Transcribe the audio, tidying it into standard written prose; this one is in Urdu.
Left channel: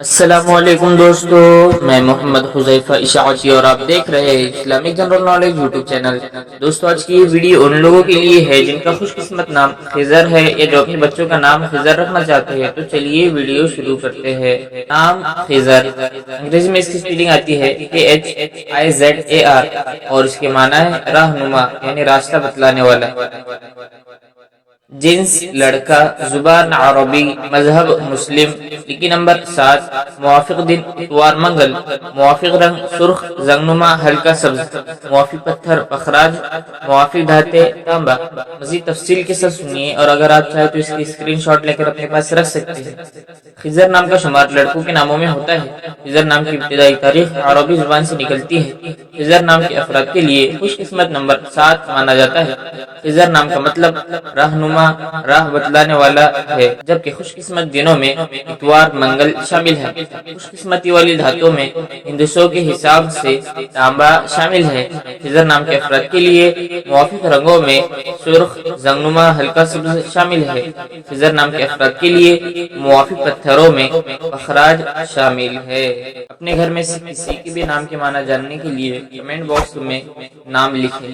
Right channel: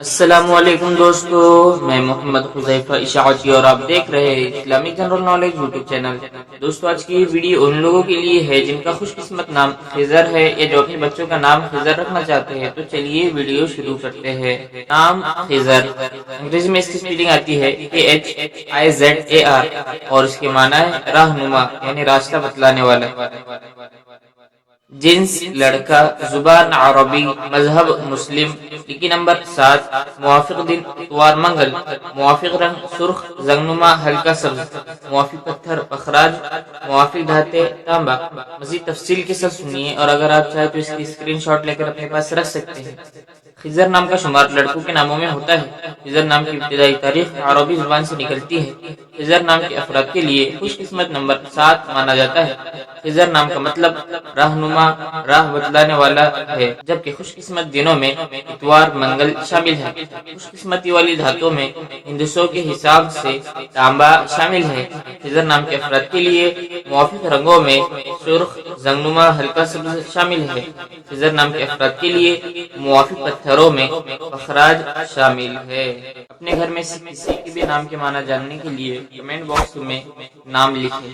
السلام علیکم دوستو، میں محمد حذیفہ اشاعتی اور آپ دیکھ رہے ہیں Islamic general knowledge YouTube channel. دوستو آج کی یہ ویڈیو ان لوگوں کے لیے ہے جن کا خوش قسمت نام خضر ہے یا جو اپنے بچوں کا نام خضر رکھنا چاہتے ہیں۔ تو چلیے ویڈیو شروع کرتے ہیں۔ نام خضر، انگریزی میں اس کی سپیلنگ آتی ہے KHIZAR اور اس کے معنی ہے رہنما، یعنی راستہ بتلانے والا۔ جنس لڑکا، زبان عربی، مذہب مسلم، لکی نمبر 7، موافق دن اتوار منگل، موافق رنگ سرخ زنگنما ہلکا سبز، موافق پتھر پخراج، موافق دھاتے تانبا۔ مزید تفصیل کے ساتھ سنیے اور اگر آپ چاہیں تو اس کی اسکرین شاٹ لے کر اپنے پاس رکھ سکتے ہیں۔ خضر نام کا شمار لڑکوں کے ناموں میں ہوتا ہے۔ خضر نام کی ابتدائی تاریخ عربی زبان سے نکلتی ہے۔ خضر نام کے افراد کے لیے خوش قسمت نمبر 7 مانا جاتا ہے۔ خضر نام کا مطلب رہنما، راہ بتلانے والا ہے، جبکہ خوش قسمت دنوں میں اتوار منگل شامل ہے۔ خوش قسمتی والی دھاتوں میں ہندسوں کے حساب سے تانبا شامل ہے۔ خضر نام کے افراد کے لیے موافق رنگوں میں سرخ زنگنما ہلکا سبز شامل ہے۔ خضر نام کے افراد کے لیے موافق پتھروں میں پخراج شامل ہے۔ اپنے گھر میں سے کسی کے بھی نام کے معنی جاننے کے لیے کمنٹ باکس میں نام لکھیں۔